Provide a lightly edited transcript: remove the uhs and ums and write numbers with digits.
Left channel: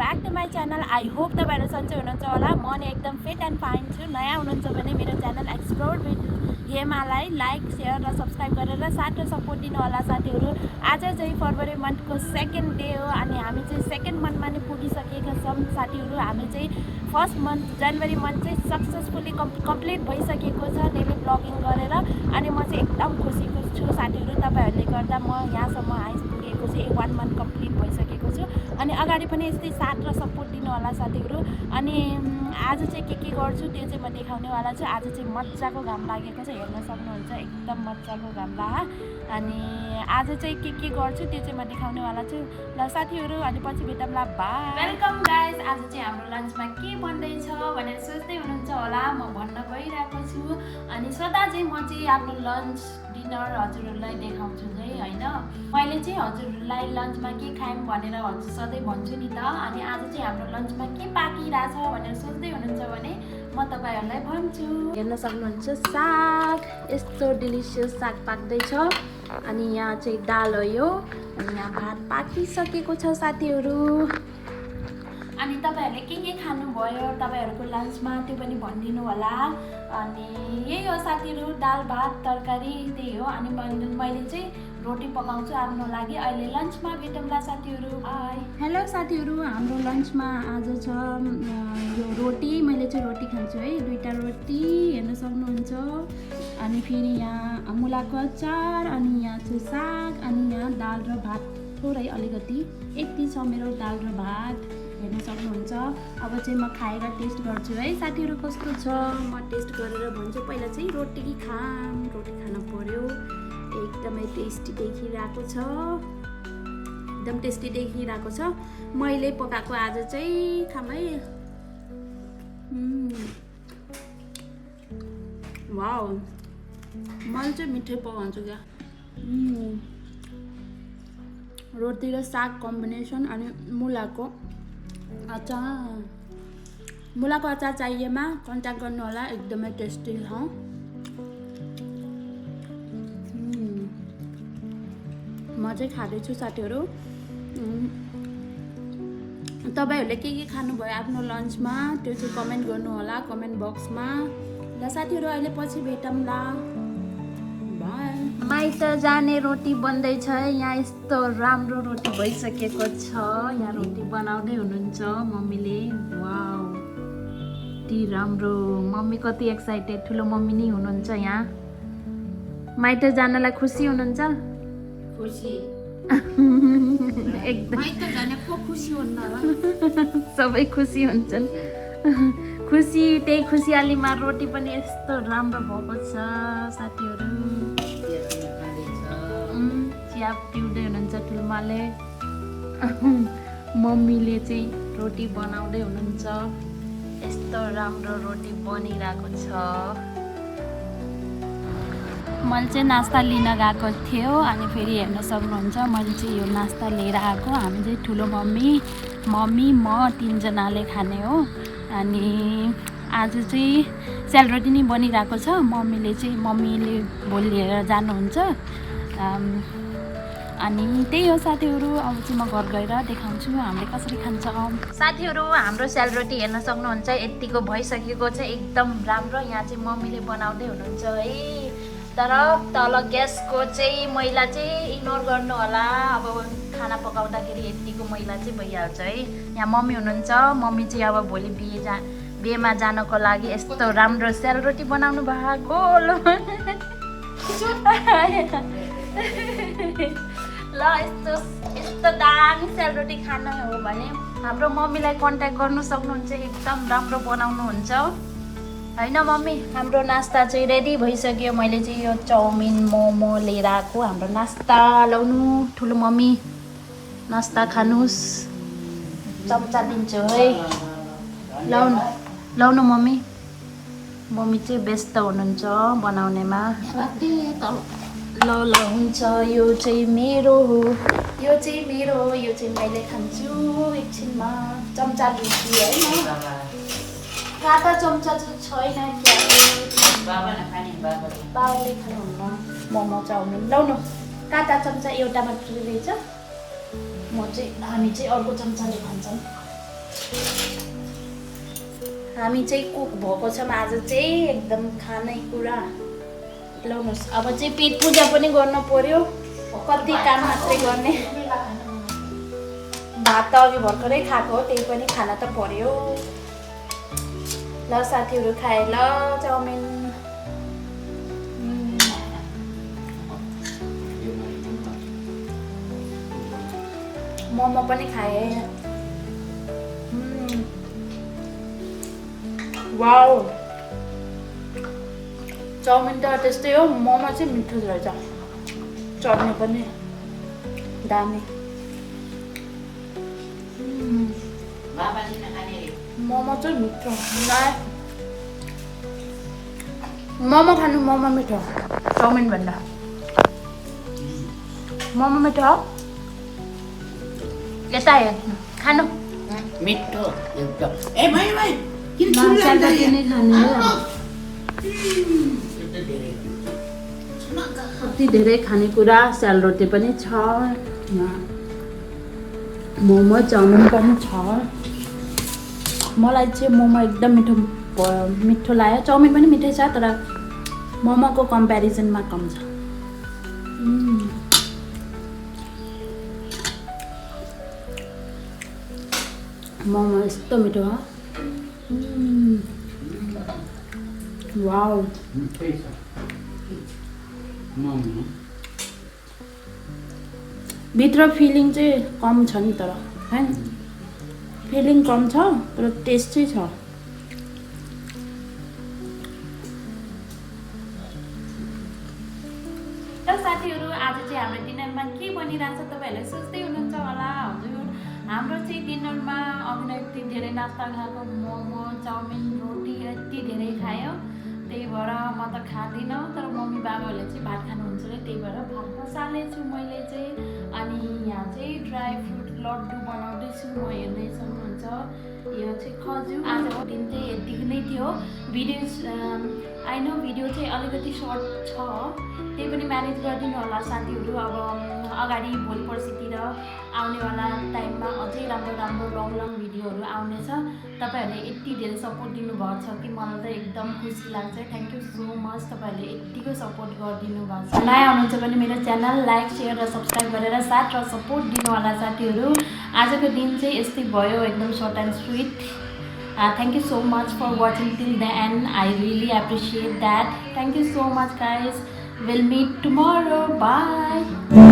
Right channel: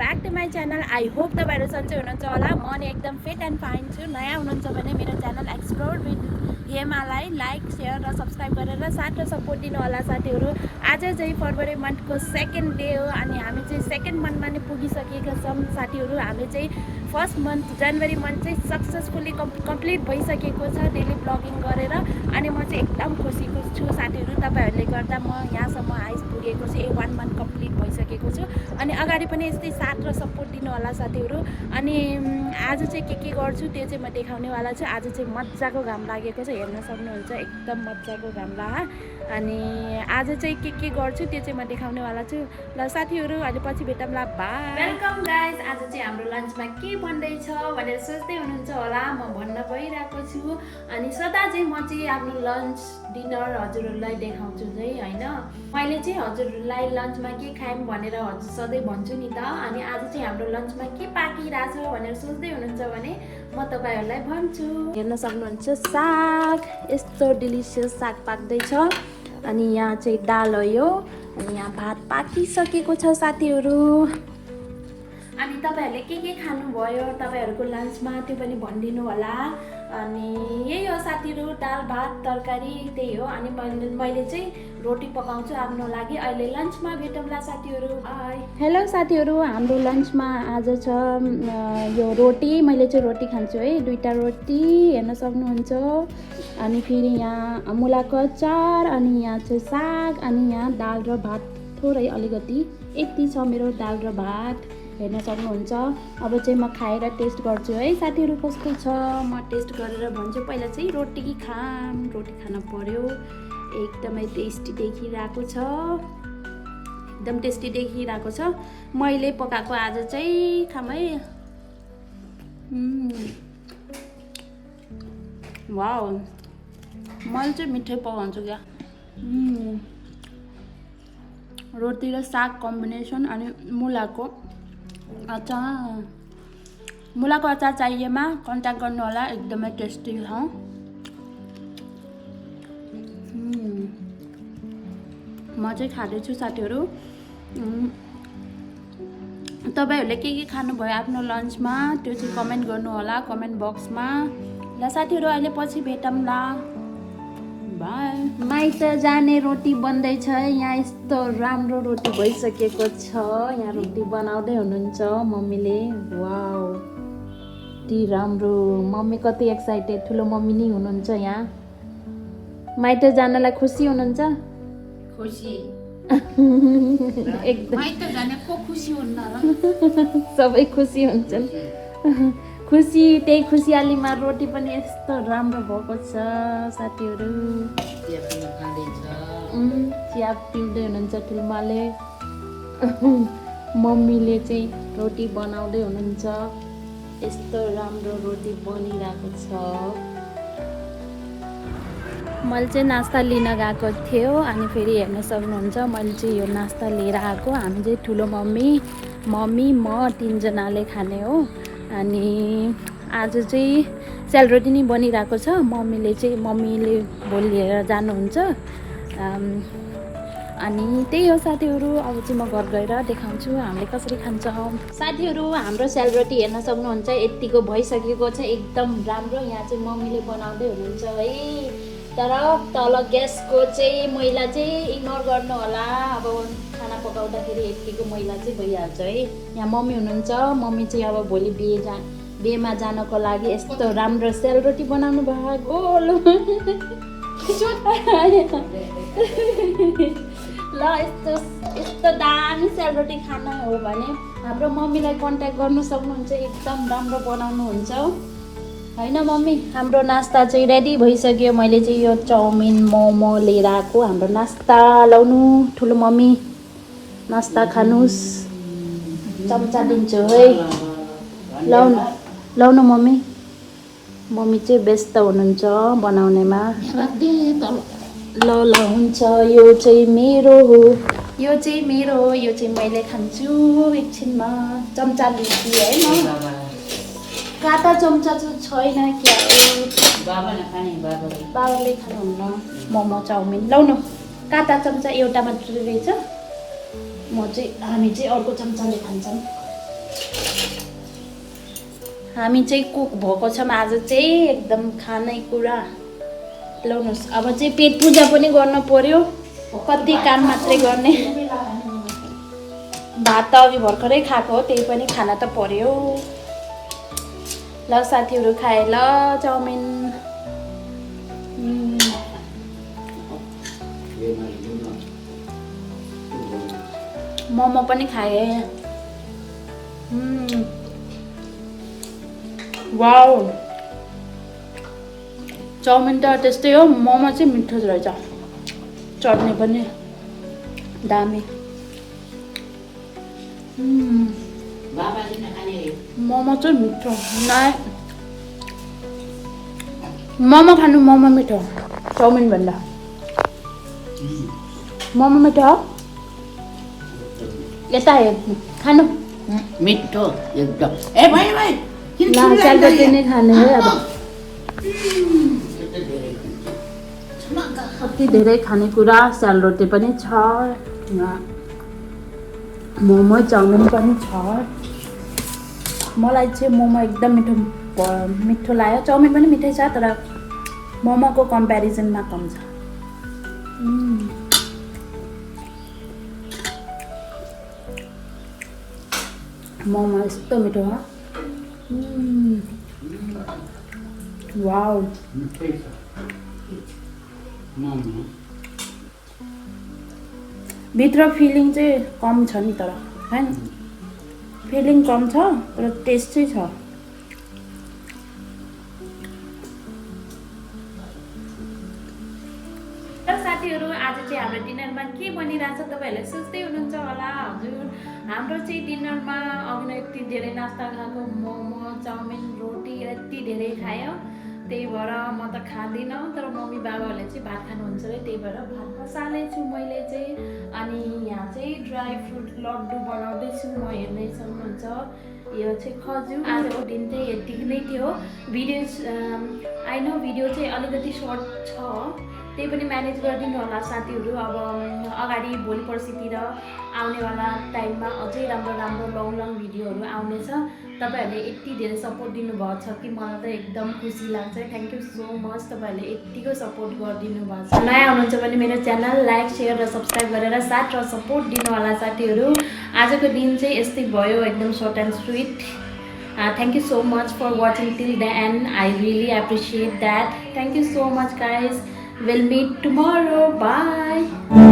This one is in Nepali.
Back to my channel. I hope तपाईँहरू सन्चै हुनुहुन्छ होला। म नि एकदम फिट एन्ड फाइन छु। नयाँ हुनुहुन्छ भने मेरो च्यानल एक्सप्लोर विथ हेमालाई लाइक सेयर र सब्सक्राइब गरेर साथ र सपोर्ट दिनु होला साथीहरू। आज चाहिँ फरवरी मन्थको सेकेन्ड डे हो अनि हामी चाहिँ सेकेन्ड मन्थमा नि पुगिसकेका छौँ साथीहरू। हामी चाहिँ फर्स्ट मन्थ जनवरी मन्थ चाहिँ सक्सेसफुल्ली कम्प्लिट भइसकेको छ डेली ब्लगिङ गरेर। अनि म चाहिँ एकदम खुसीको छु साथीहरू, तपाईँहरूले गर्दा म यहाँसम्म आइपुगेको छु। 1 मन्थ कम्प्लिट भइसकेको छु अनि अगाडि पनि यस्तै साथ र सपोर्ट दिनु होला साथीहरू। अनि आज चाहिँ के गर्छु त्यो चाहिँ म देखाउनेवाला छु। आज चाहिँ मजाको घाम लागेको छ, हेर्न सक्नुहुन्छ एकदम मजाको घाम लागा। अनि आज चाहिँ के गर्छु त्यो चाहिँ म देखाउनेवाला छु। ल साथीहरू अहिले पछि भेटौँला, बाई। Welcome guys. आज चाहिँ हाम्रो लन्चमा के बन्दैछ भनेर सोच्दै हुनुहुन्छ होला, म भन्न गइरहेको छु। अनि सदा चाहिँ म चाहिँ आफ्नो लन्च डिनर हजुरहरूलाई देखाउँछु चाहिँ होइन। मैले चाहिँ हजुरहरूलाई लन्चमा के खायौँ भनेर हजुर सधैँ भन्छु नि त। अनि आज चाहिँ हाम्रो लन्चमा के पाकिरहेछ भनेर सोच्दै हुनुहुन्छ भने म तपाईँहरूलाई भन्छु। हेर्न सक्नुहुन्छ साग, यस्तो डिलिसियस साग पाक्दैछ। अनि यहाँ चाहिँ दाल हो यो, अनि यहाँ भात पाकिसकेको छ साथीहरू। अनि तपाईँहरूले के खानुभयो तपाईँहरूको लन्चमा त्यो पनि भनिदिनु होला। अनि यही हो साथीहरू, दाल भात तरकारी त्यही हो। अनि मैले चाहिँ रोटी पकाउँछु आफ्नो लागि। अहिले लन्चमा भेटौँला साथीहरू, बाई। हेलो साथीहरू, हाम्रो लन्चमा आज छ यो रोटी। मैले चाहिँ रोटी खान्छु है, 2टा रोटी हेर्न सक्नुहुन्छ। अनि फेरि यहाँ मुलाको अचार, अनि यहाँ चाहिँ साग, अनि यहाँ दाल र भात थोरै अलिकति। यति छ मेरो दाल र भात, हेर्न सक्नुहुन्छ। अब चाहिँ म खाएर टेस्ट गर्छु है साथीहरू कस्तो छ, म टेस्ट गरेर भन्छु। पहिला चाहिँ रोटी रोटी खान पर्यो। एकदमै टेस्टी देखिरहेको छ, एकदम टेस्टी देखिरहेको छ। मैले पकाएको आज चाहिँ खाम है। वाउ, मैले चाहिँ मिठै पकाउँछु क्या। रोटी र साग कम्बिनेसन, अनि मुलाको अचार। मुलाको अचार चाहिएमा कन्ट्याक्ट गर्नु होला, एकदमै टेस्टी छ। म चाहिँ खाँदैछु साथीहरू। तपाईँहरूले के खानुभयो आफ्नो लन्चमा त्यो चाहिँ कमेन्ट गर्नु होला कमेन्ट बक्समा। ल साथीहरू अहिले पछि भेटौँला, बाई। माइत जाने रोटी बन्दैछ। यहाँ यस्तो राम्रो रोटी भइसकेको छ। यहाँ रोटी बनाउँदै हुनुहुन्छ मम्मीले। वाउ, यति राम्रो। मम्मी कति एक्साइटेड, ठुलो मम्मी नै हुनुहुन्छ यहाँ। माइत जानलाई खुसी हुनुहुन्छ? खुसी एकदम। माइत जाने को खुसी हुन्न र? सबै खुसी हुन्छन्। खुसी, त्यही खुसियालीमा रोटी पनि यस्तो राम्रो भएको छ साथीहरू। चिया पिउँदै हुनुहुन्छ ठुलोमाले। मम्मीले चाहिँ रोटी बनाउँदै हुनुहुन्छ। यस्तो राम्रो रोटी बनिरहेको छ। मैले चाहिँ नास्ता लिन गएको थियो अनि फेरि हेर्न सक्नुहुन्छ मैले चाहिँ यो नास्ता लिएर आएको। हामी चाहिँ ठुलो मम्मी म 3जनाले खाने हो। अनि आज चाहिँ सेलरोटी नै बनिरहेको छ। मम्मीले भोलि लिएर जानुहुन्छ। अनि त्यही हो साथीहरू। अब चाहिँ म घर गएर देखाउँछु हामीले कसरी खान्छौँ। साथीहरू हाम्रो सेलरोटी हेर्न सक्नुहुन्छ यतिको भइसकेको छ, एकदम राम्रो। यहाँ चाहिँ मम्मीले बनाउँदै हुनुहुन्छ है। तर तल ग्यासको चाहिँ मैला चाहिँ इग्नोर गर्नु होला। अब खाना पकाउँदाखेरि यतिको मैला चाहिँ भइहाल्छ है। यहाँ मम्मी हुनुहुन्छ। मम्मी चाहिँ अब भोलि बिहेमा जानको लागि यस्तो राम्रो सेलरोटी बनाउनु भयो। गोल ल, यस्तो दामी सेलरोटी खान हो भने हाम्रो मम्मीलाई कन्ट्याक्ट गर्नु सक्नुहुन्छ। एकदम राम्रो बनाउनुहुन्छ होइन मम्मी। हाम्रो नास्ता चाहिँ रेडी भइसक्यो। मैले चाहिँ यो चाउमिन मोमो लिएर आएको। हाम्रो नास्ता लाउनु ठुलो मम्मी, नास्ता खानुहोस्। चम्चा दिन्छु है, लाउनु मम्मी। मम्मी चाहिँ व्यस्त हुनुहुन्छ बनाउनेमा। ल हुन्छ। यो चाहिँ मेरो हो, यो चाहिँ मैले खान्छु एकछिनमा। चम्चा दिन्छु है म। काटा चम्चा चाहिँ छैन क्या। बाबाले खानुहुन्न मोमो चाउमिन। लाउनु काटा चम्चा एउटा मात्रै रहेछ। हामी चाहिँ अर्को चम्चाले खान्छौँ। हामी चाहिँ कुक भएको छौँ आज चाहिँ एकदम खानेकुरा ल्याउनुहोस्। अब चाहिँ पेट पूजा पनि गर्नु पर्यो, कति काम मात्रै गर्ने। भात त अघि भर्खरै खाएको हो, त्यही पनि खाना त पर्यो। ल साथीहरू खाए ल चाउमिन। मोमो पनि खाए। वाउ, चाउमिन त त्यस्तै हो, मोमो चाहिँ मिठो रहेछ, चट्नी पनि दामी। मोमो चाहिँ मिठो, मोमो खानु, मोमो मिठो चाउमिन भन्दा। मोमो मिठो हो, यता हेर्नु खानु मिठो एकदम। ए भाइ भाइ सेलरोटी नै खाने है अब। कति धेरै खानेकुरा, सेलरोटी पनि छ यहाँ, मोमो चाउमिन पनि छ। मलाई चाहिँ मोमो एकदम मिठो लाग्यो, चाउमिन पनि मिठै छ तर मोमोको कम्पेरिजनमा कम छ। मोमो यस्तो मिठो हो। वाउ, भित्र फिलिङ चाहिँ कम छ नि, तर हैन फिलिङ कम छ तर टेस्ट चाहिँ छ। साथीहरू आज चाहिँ हाम्रो डिनरमा के बनिरहेछ तपाईँहरूले सोच्दै हुनुहुन्छ होला। हजुर, हाम्रो चाहिँ डिनरमा अघि नै यति धेरै नास्ता खाएको, मोमो चाउमिन रोटी यति धेरै खायो, त्यही भएर म त खाँदिनँ, तर मम्मी बाबाहरूले चाहिँ भात खानुहुन्छ अरे, त्यही भएर भात बसालेछु मैले चाहिँ। अनि यहाँ चाहिँ ड्राई फ्रुट लड्डु बनाउँदैछु म, हेर्दै सक्नुहुन्छ। यो चाहिँ खजुर। आजको दिन चाहिँ यतिकै नै थियो। भिडियो आई नो भिडियो चाहिँ अलिकति सर्ट छ, त्यही पनि म्यानेज गरिदिनु होला साथीहरू। अब अगाडि भोलि पर्सितिर आउनेवाला टाइममा अझै राम्रो राम्रो लङ भिडियोहरू आउनेछ। तपाईँहरूले यति धेरै सपोर्ट दिनुभएको छ कि मलाई त एकदम खुसी लाग्छ। थ्याङ्क यू सो मच, तपाईँहरूले यत्तिको सपोर्ट गरिदिनु भएको छ। नयाँ हुनुहुन्छ भने मेरो च्यानल लाइक सेयर र सब्सक्राइब गरेर साथ र सपोर्ट दिनु होला साथीहरू। आजको दिन चाहिँ यस्तै भयो, एकदम short and sweet. Thank you so much for watching till the end. I really appreciate that. Thank you so much guys. We'll meet tomorrow. Bye.